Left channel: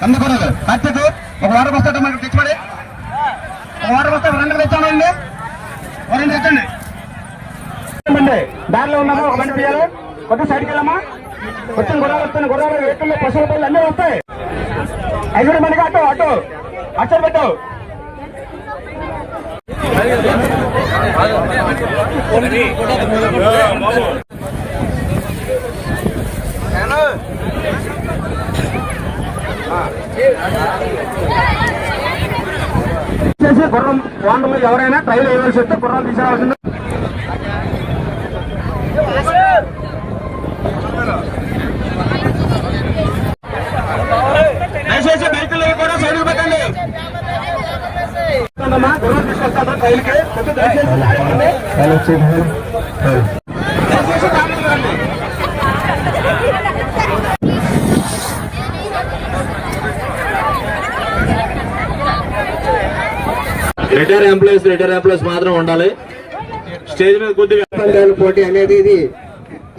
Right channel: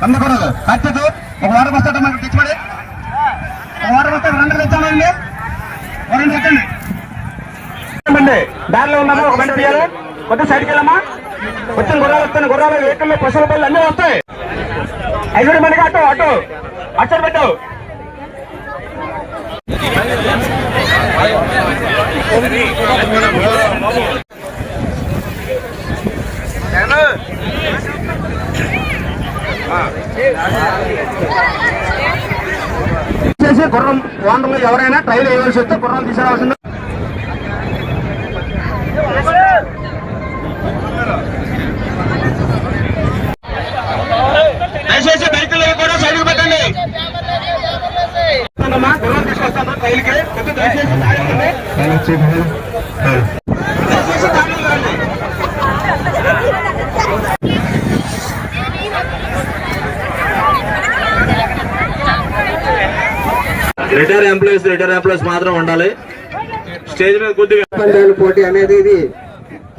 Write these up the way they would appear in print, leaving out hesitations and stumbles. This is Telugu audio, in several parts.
కందకూడదు అచ్చదు ఒక వారం వస్తాడు మనకు తెచ్చిపడి ఒక వారం వస్తే రెండు తెచ్చామండి రెండు తెచ్చండి దారిలో ఉన్నాము ఒక బండి తీయాలి కొద్దిగా సైడ్కి వెళ్ళమ్మా వచ్చిన గుర్రాలు వస్తాను గుర్రాలు వెహికల్లో పశువుల పళ్ళు అన్నీ వస్తాయి 5 మందికి అటు అటు అచ్చరు పెట్టు చేసి గుర్రం ఓనర్లు ఎవరైనా ట్రైల్ వేయవలసి వస్తే గుర్రాలు తీసుకురావాల్సింది దయచేసి బైకులు కూడా సైడ్కి పెట్టండి గుర్రం తీసుకొస్తాను ట్రైల్కి రిటైర్ ఎంప్లాయీస్ మాత్రం ఉండాలి స్టేజ్ మీద కొద్దిగా పోటీ అనేది ఇది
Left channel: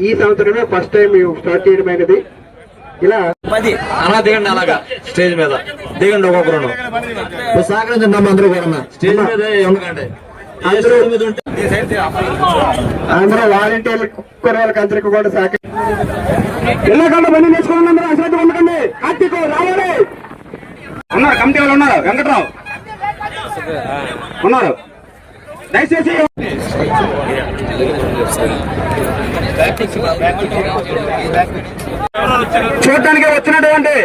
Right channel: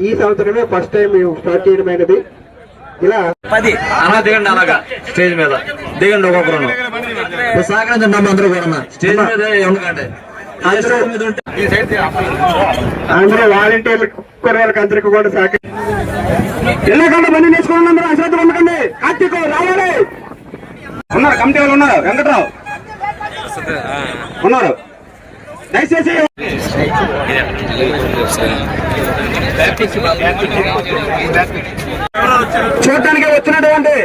ఈ సంవత్సరమే ఫస్ట్ టైం స్టార్ట్ చేయడం అనేది ఇలా 10 అలా దిగండి అలాగా స్టేజ్ మీద దిగండి ఒక్కొక్కరు సహకరించండి అందరూ కూడా స్టేజ్ మీద ఎందుకంటే అందరూ వాలంటీర్లు కూరగాయలకు అందరికీ కూడా సహకరించండి బండి తీసుకోండి అందరూ అశ్రద్ధ ఉండకండి కార్తీక్ రావాలి ఉన్నారు కమిటీ వాళ్ళు ఉన్నారు వెంకట్రావు ఉన్నారు దయచేసి చూడటానికి వచ్చినటువంటి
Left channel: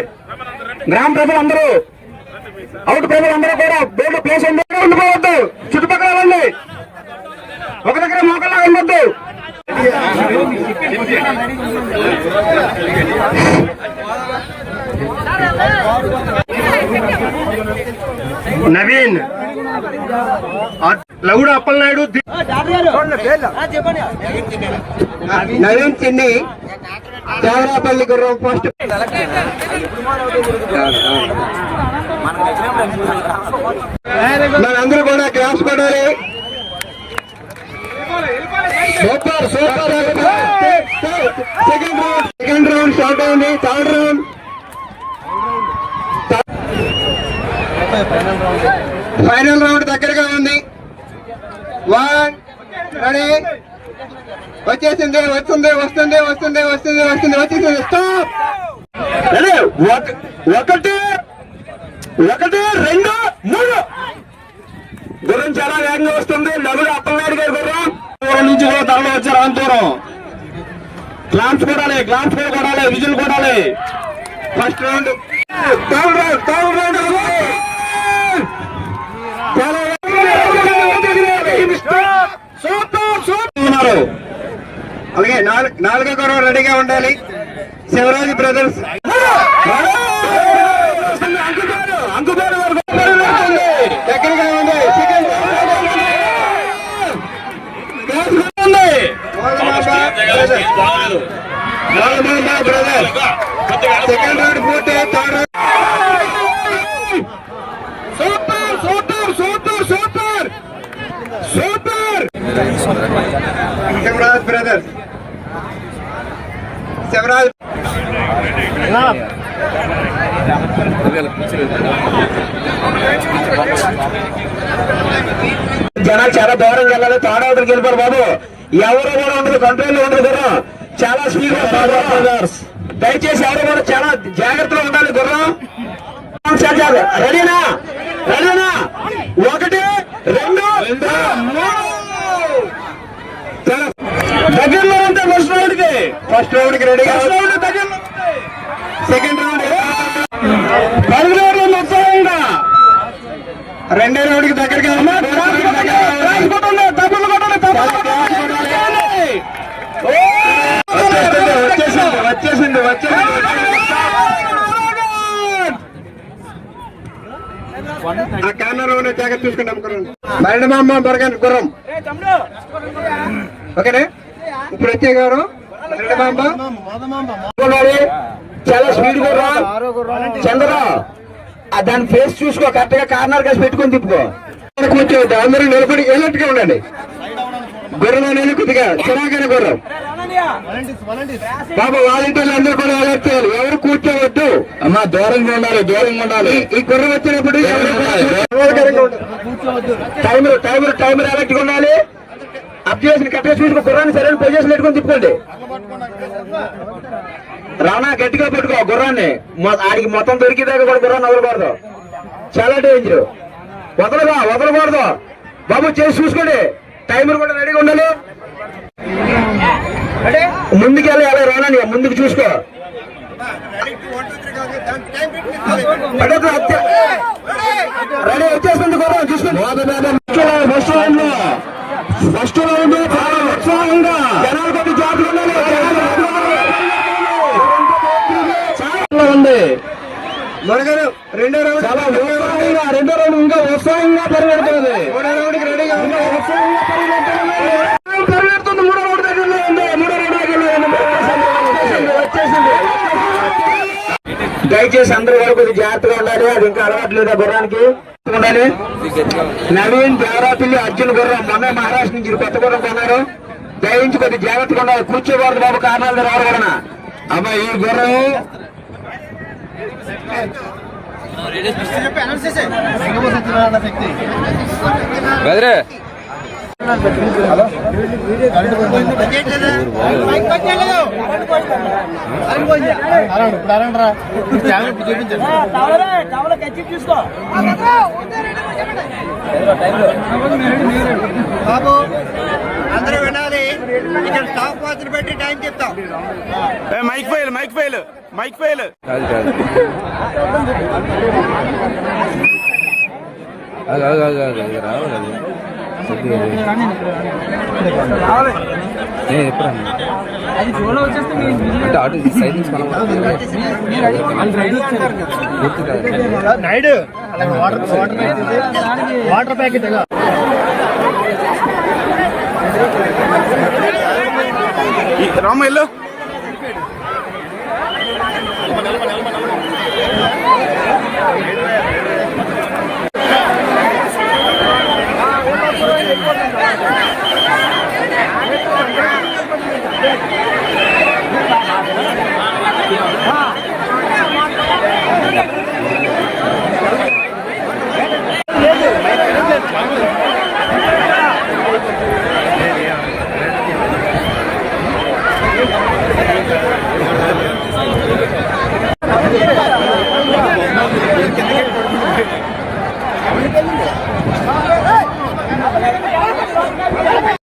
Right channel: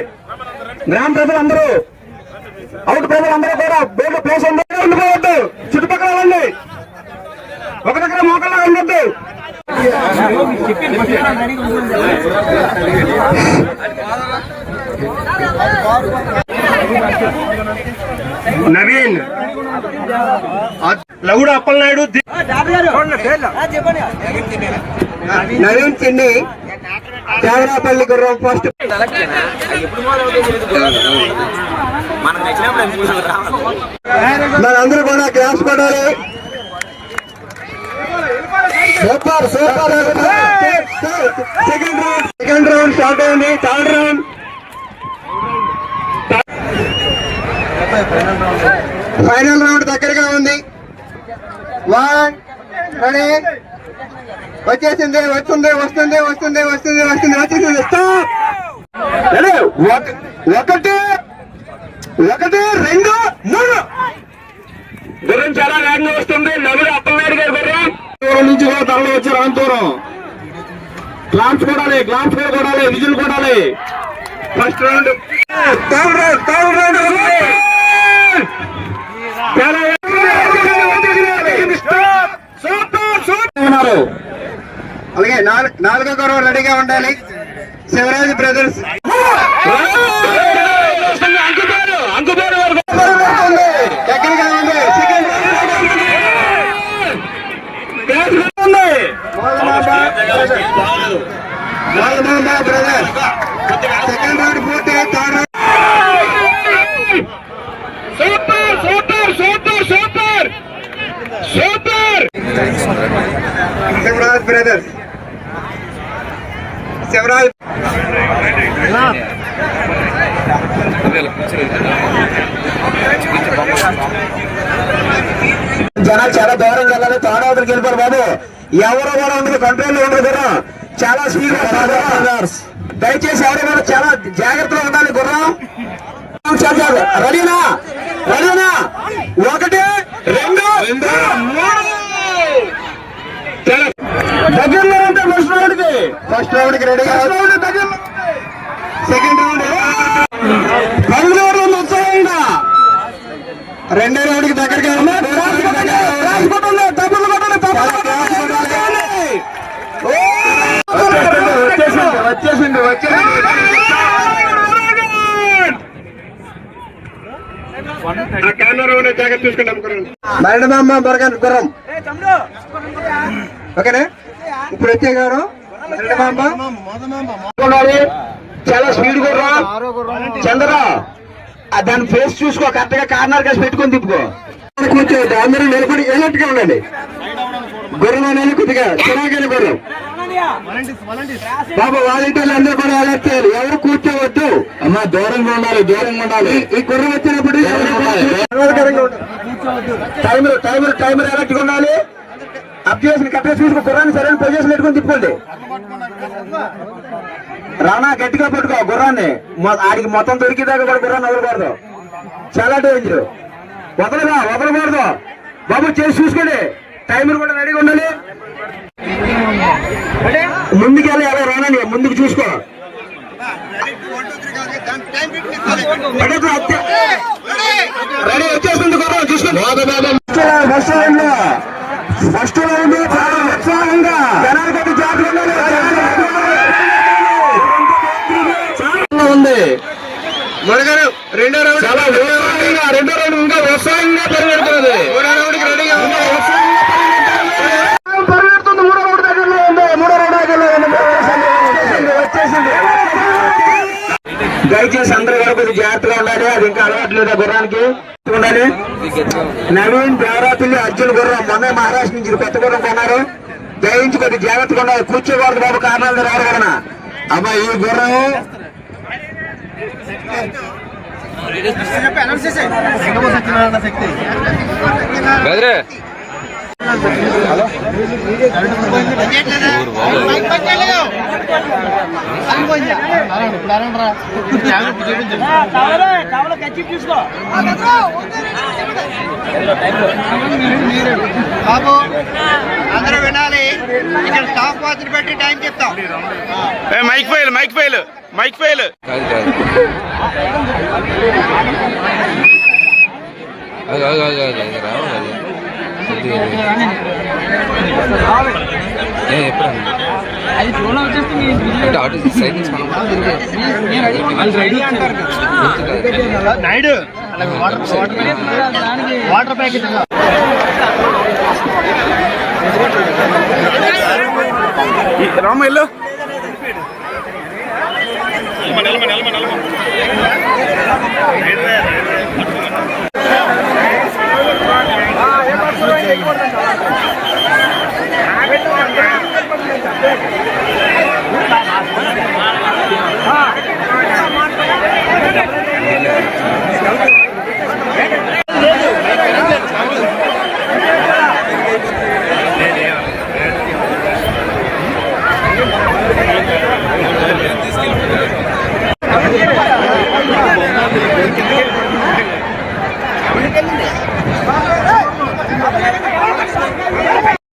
గ్రామ ప్రజలందరూ అవుట్ ప్రజలందరూ కూడా బయట ప్లేస్ ఉండిపోవద్దు చుట్టుపక్కల వెళ్ళండి ఒక దగ్గర మోకల్లా ఉండొద్దు నవీన్ లవుడు అప్పలనాయుడు నవీన్ చిన్ని దేవరాపల్లి గుర్రం ఫస్ట్ మనందరూ కూడా క్లాస్ కొట్టాలి super super second round start అయింది థర్డ్ రౌండ్ ఫైనల్ రౌండ్ దగ్గరగా ఉంది 1 రెడీ వచ్చేసింది వస్తుంది వస్తుంది వస్తుంది వస్తుంది వస్తుంది వచ్చేసింది ఒకటి 2 3 గుర్రం చాలా వేగంగా వస్తుంది నలుగురు అప్పలనాయుడు గారి గుర్రం నుంచి తరలి వచ్చారు అనంతపురం గ్లాన్స్ కొడాలి విజిల్ Kodali first round third round ఉన్నారు అలాగే 4వ గుర్రం రెడీగా ఉండాలి శివరాజ్ బ్రదర్స్ దగ్గరగా ఉంది బ్రదర్ సెకండ్ రౌండ్ పూర్తి third round super super super super super Shivaraj brothers Shivaraj జనాలు చాలా దూరం వెళ్ళాలి తాడవతలకి వెళ్ళిపోరు బాబు ఎవరు కూడా ఉండదు కంట్రోల్లో ఉండదు గుర్రం చాలా స్పీడ్ దయచేసి ఎవరు కూడా చాలా జాగ్రత్తగా ఉండాలి గుర్రం రెడీనా 1 2 3 దగ్గరలో ఉంటే ఫస్ట్ రౌండ్ కి రెడీ సెకండ్ రౌండ్ 10 రౌండ్ ఉత్సాహంగా రెండో రౌండ్ కి దగ్గరగా వచ్చేసింది జాగ్రత్త చూసుకుంటాం మరణమామ బరగన్ గుర్రం ఓకేనా ఇప్పుడు వచ్చే గారు చాలా స్పీడ్ గుర్రం చంద్ర దాని ఫేస్ చూసుకో కరెక్ట్ గా కార్నర్ కాసి పెట్టుకొని తిప్పుకో కూర్చోవద్దు అందరూ నిలబడి వెళ్ళట్టుగా ఉండండి గుర్రం అనేది కొద్దిగా చిరాకైన గుర్రం బాబు వాలంటీర్లు అందరూ కూడా అలర్ట్ చేయాలి. ఎవరు కూర్చోవద్దు అమ్మా, దూరంగా ఉండాలి, దూరంగా ఉండాలి. ఈ గుర్రం వచ్చినప్పుడు టైమర్ ఎలక్ట్గా ఉండాలి. అప్ చేసిన కట్టేసి చూసుకుని గుర్రాన్ని సరైన పొజిషన్ పెట్టుకొని తిప్పుకోండి. రానా గట్టిగా పట్టుకో గుర్రాన్ని, ఆడికి మొత్తం దొరికేదాకా కూడా గుర్రాన్ని వదలకూడదు, చాలా డేంజర్. వదలకూడదు బాబు, చేసి చూసుకోండి. టైమర్ కూడా రెడీగా ఉండాలి. ముందుకు వెళ్ళి ఎలా రానండి, ముందుకు చూసుకో. రెడీ వచ్చేస్తుంది గుర్రం, చూసుకోండి. ఫస్ట్ లైన్ లో ఉత్సాహంగా జనాలు కొద్ది జాగ్రత్తగా ఉంది. మనగారు రెండో రౌండ్ చాలా ఉత్సాహంగా, రెండో రౌండ్ ఇంకా ఉత్సాహంగా పరిగెడుతున్నది. మూడో రౌండ్కి రెడీగా ఉంది, ఉత్సాహంగా పరిగెడుతుంది. మూడో రౌండ్ దగ్గరలో ఉంది, మూడో రౌండ్ దగ్గరలో ఉంది. వచ్చేసింది. దయచేసి అందరూ కూడా కొద్దిగా జాగ్రత్తగా ఉండాలి. అది ఇంకా అలవాటు లేదా గుర్రానికి ఉండాలి. నవీన్ దేవరాతుల్లి అర్జున్ గుర్రం మొన్న మహారాష్ట్ర నుంచి కొత్త గుర్రం కొన్నారు. దయించి కొద్దిగా జాగ్రత్తగా ఉండాలి. కూర్చోకూడదు బాబు, కారణాలు ఎవరు కూడా. అమ్మ ఈ గుర్రం బాబు అందరూ వినాలి. ఇక్కడ స్టాప్ వాచ్ పెట్టి టైం చెప్తాం. Mic fail Naidu water packet Rama yellow నిలమ